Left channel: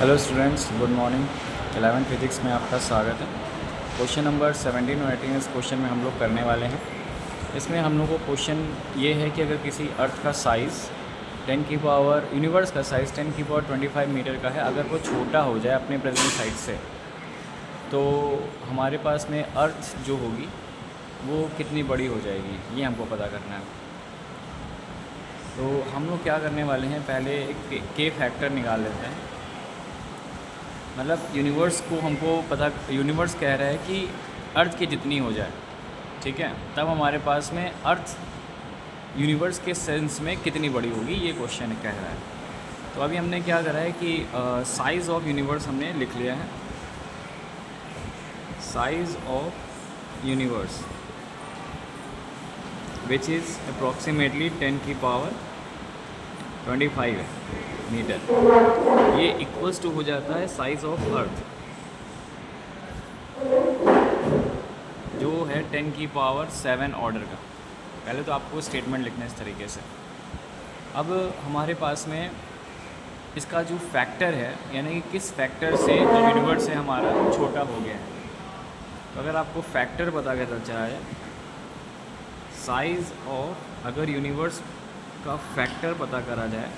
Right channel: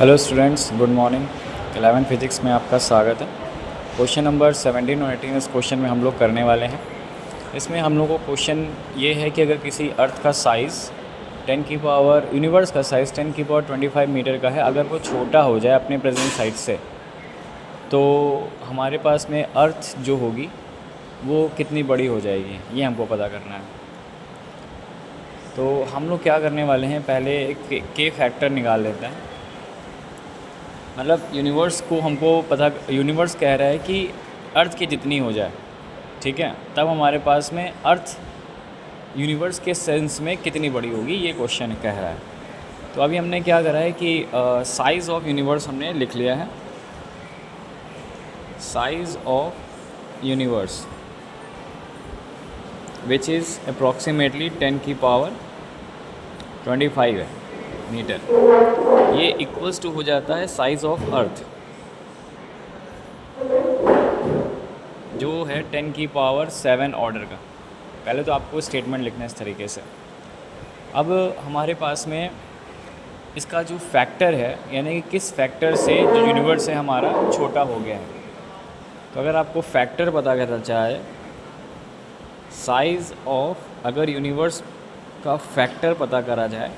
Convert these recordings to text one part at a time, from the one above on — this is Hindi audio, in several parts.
Hello students, good morning. 11 physics में आपका स्वागत है। क्वेश्चन नंबर 17 और 18 इस क्वेश्चन में हम लोग करने वाले हैं। इसमें हम लोग को क्वेश्चन ये है कि अगर किसी अर्थ का साइज़ 10 की पावर यूनिवर्स का साइज़ 10 की पावर 25 मीटर का है, अगर वो छोटा हो जाए अपने प्रेजेंट साइज से, तो हमारे पास में अर्थ जो होगी वो कितनी बड़ी हो जाएगी, ये हमको पता करना है। तो हम लोग क्या करने वाले हैं, पहले एक के फैक्टर निकाल लेते हैं। मतलब यूनिवर्स को हमको पता, यूनिवर्स कह रहा है कि अर्थ की जितनी हो जाए, ठीक है, तब हमारे पास में अर्थ यूनिवर्स के सेंस में कितनी बड़ी होगी, ये क्वेश्चन कह रहा है। तो अभी हमने क्या करा है कि साइज़ ऑफ यूनिवर्स हमने लिख लिया है। Size of universe which is approximately 10 की पावर 25 है मीटर। ये इक्वल्स टू हो जाता है साइज़ ऑफ अर्थ जो है 10 की पावर 7 ऑर्डर का। पहले तो आपको स्टेटमेंट लिखना है इस तरीके से। अब हमारे पास में इसका जो फैक्टर है, यानी कि किस फैक्टर से जो यूनिवर्स है हमारा छोटा हो गया है। तो अगर आपको फैक्टर पता करना चाहे, साइज़ ऑफ, अगर यूनिवर्स का फैक्टर पता करा जाए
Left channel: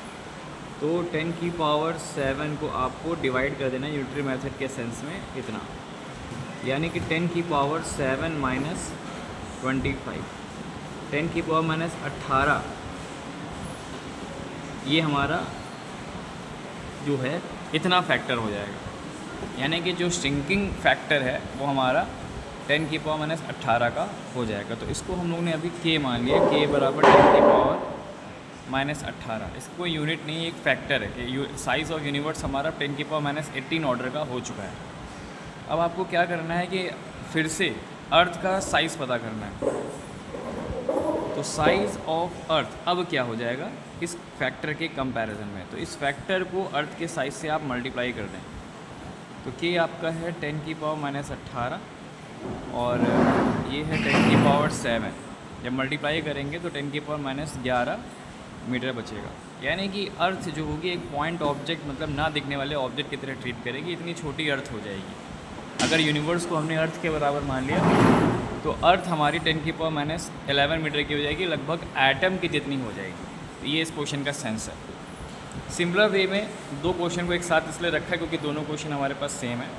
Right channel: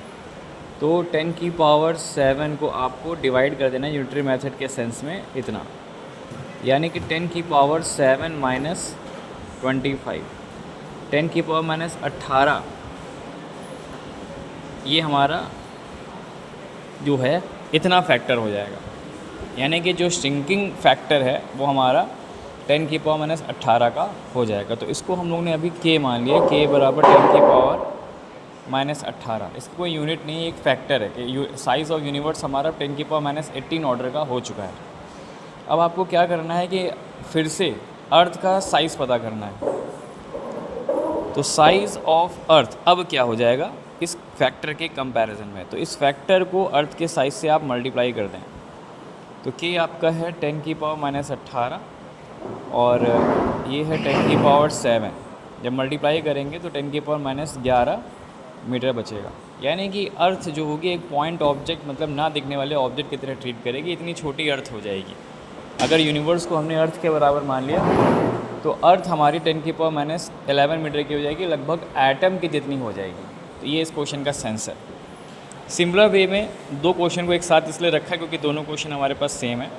तो 10 की पावर 7 को आपको डिवाइड कर देना है यूनिटरी मेथड के सेंस में इतना, यानी कि 10 की पावर 7 माइनस 25, 10 की पावर माइनस 18, ये हमारा जो है इतना फैक्टर हो जाएगा। यानी कि जो श्रिंकिंग फैक्टर है वो हमारा 10 की पावर माइनस 18 का हो जाएगा। तो इसको हम लोग ने अभी के मान लिया, के बराबर 10 की पावर माइनस 18। इसको कोई यूनिट नहीं है, एक फैक्टर है कि साइज़ ऑफ यूनिवर्स हमारा 10 की पावर माइनस 18 ऑर्डर का हो चुका है। अब आपको क्या करना है कि फिर से अर्थ का साइज़ पता करना है। तो साइज़ ऑफ अर्थ अब क्या हो जाएगा इस फैक्टर के कंपैरिजन में। तो इस फैक्टर को अर्थ के साइज़ से आप मल्टीप्लाई कर दें। तो के आपका है 10 की पावर माइनस 18 और ये है 10 की पावर 7। जब मल्टीप्लाई करेंगे तो 10 की पावर माइनस 11 मीटर बचेगा। यानी कि अर्थ जो होगी एक पॉइंट ऑब्जेक्ट, मतलब ना दिखने वाले ऑब्जेक्ट की तरह ट्रीट करेगी, इतनी छोटी अर्थ हो जाएगी। अगर यूनिवर्स को हमने अर्थ के बराबर मान लिया तो अर्थ हमारी 10 की पावर माइनस 11 मीटर की हो जाएगी, लगभग एटम की जितनी हो जाएगी। तो ये इस क्वेश्चन का सेंस है। सिमिलर वे में दो क्वेश्चन को एक साथ इसलिए रखा क्योंकि दोनों क्वेश्चन हमारे पास सेम है।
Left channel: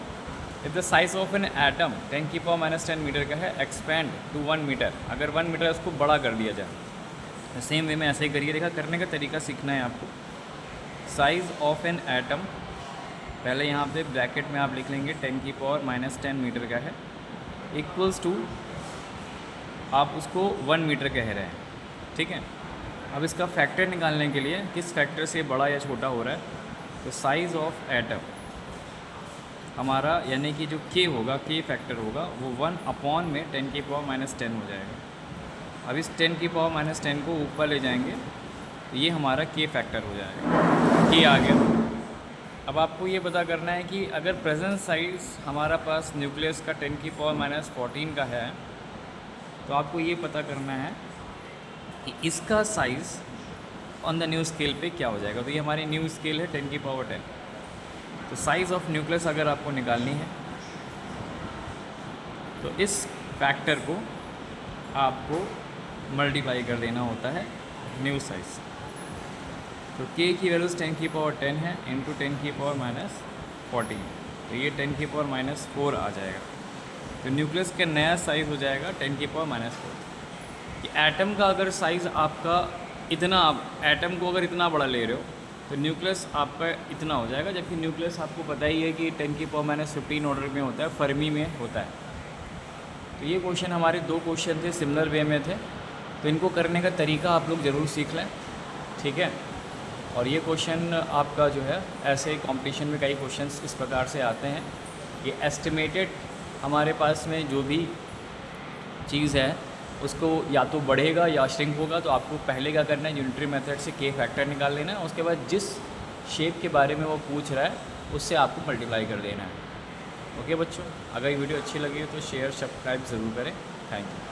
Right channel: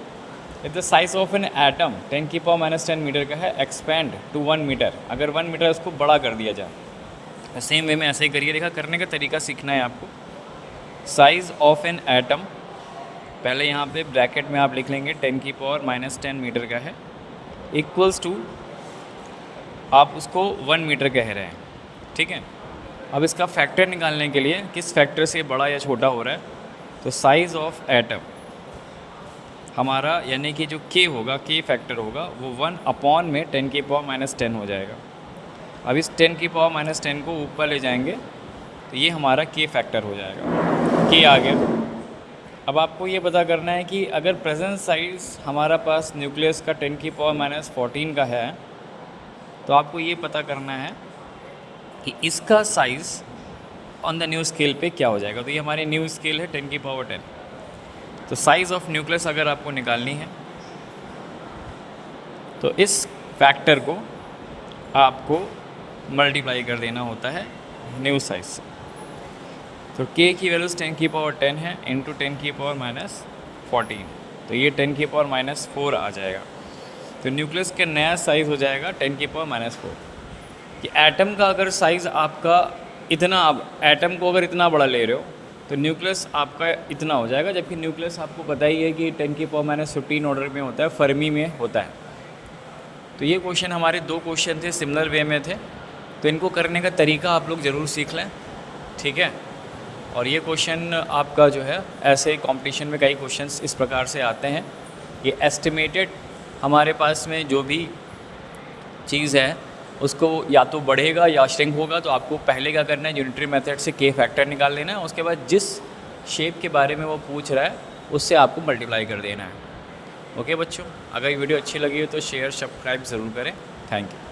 If the size of an atom 10 की पावर माइनस 10 मीटर का है, एक्सपैंड टू 1 मीटर, अगर 1 मीटर उसको बड़ा कर दिया जाए, तो सेम वे में ऐसे ही करिए। देखा, करने का तरीका सीखना है आपको। साइज़ ऑफ एन एटम, पहले यहाँ पे ब्रैकेट में आप लिख लेंगे 10 की पावर माइनस 10 मीटर का है, इक्वल्स टू, आप उसको 1 मीटर कह रहे हैं, ठीक है। अब इसका फैक्टर निकालने के लिए किस फैक्टर से बड़ा या छोटा हो रहा है, तो साइज़ ऑफ एटम हमारा, यानी कि जो के होगा, के फैक्टर होगा, वो 1 अपॉन में 10 की पावर माइनस 10 हो जाएगा। अब इस 10 की पावर माइनस 10 को ऊपर ले जाएंगे तो ये हमारा के फैक्टर हो जाएगा, के आ गया। अब आपको ये पता करना है कि अगर प्रेजेंट साइज हमारा पास न्यूक्लियस का 10 की पावर माइनस 14 का है, तो आपको ये पता करना है कि इसका size on the new scale पे क्या हो जाएगा। तो ये हमारी न्यू स्केल है 10 की पावर 10। तो साइज़ ऑफ न्यूक्लियस अगर आपको निकालनी है तो इस फैक्टर को आपको मल्टीप्लाई कर देना होता है न्यू साइज से। तो के की वैल्यूज़ 10 की पावर 10 है इंटू 10 की पावर माइनस 14, तो ये 10 की पावर माइनस 4 आ जाएगा। तो न्यूक्लियस का नया साइज़ हो जाएगा 10 की पावर माइनस 4। कि एटम का अगर साइज़ आपका इतना, आप एटम को अगर इतना बड़ा ले रहे हो तो न्यूक्लियस आपका इतना हो जाएगा, जबकि न्यूक्लियस आपको पता ही है कि 10 की पावर माइनस 15 ऑर्डर में होता है, फर्मी में होता है। तो ये क्वेश्चन हमारे दो क्वेश्चन थे, सिमिलर वे में थे, तो इनको करने का तरीका आप लोग ज़रूर सीख लें, ठीक है। और ये क्वेश्चन आपका जो है, ऐसे कंपटीशन में कई क्वेश्चंस इस प्रकार से आते हैं। ये एस्टिमेटेड हमारे पास में जो भी चीज़ है उसको या तो बढ़ेगा या श्रिंक होगा, तो आपको पहले क्या करना है, यूनिटरी मेथड से के फैक्टर निकाल लेना है। उसके बाद जिस शेप के बारे में वो पूछ रहा है उससे आपको मल्टीप्लाई कर देना है। ओके बच्चों, अगर ये वीडियो अच्छी लगी हो तो शेयर सब्सक्राइब ज़रूर करें। Thank you.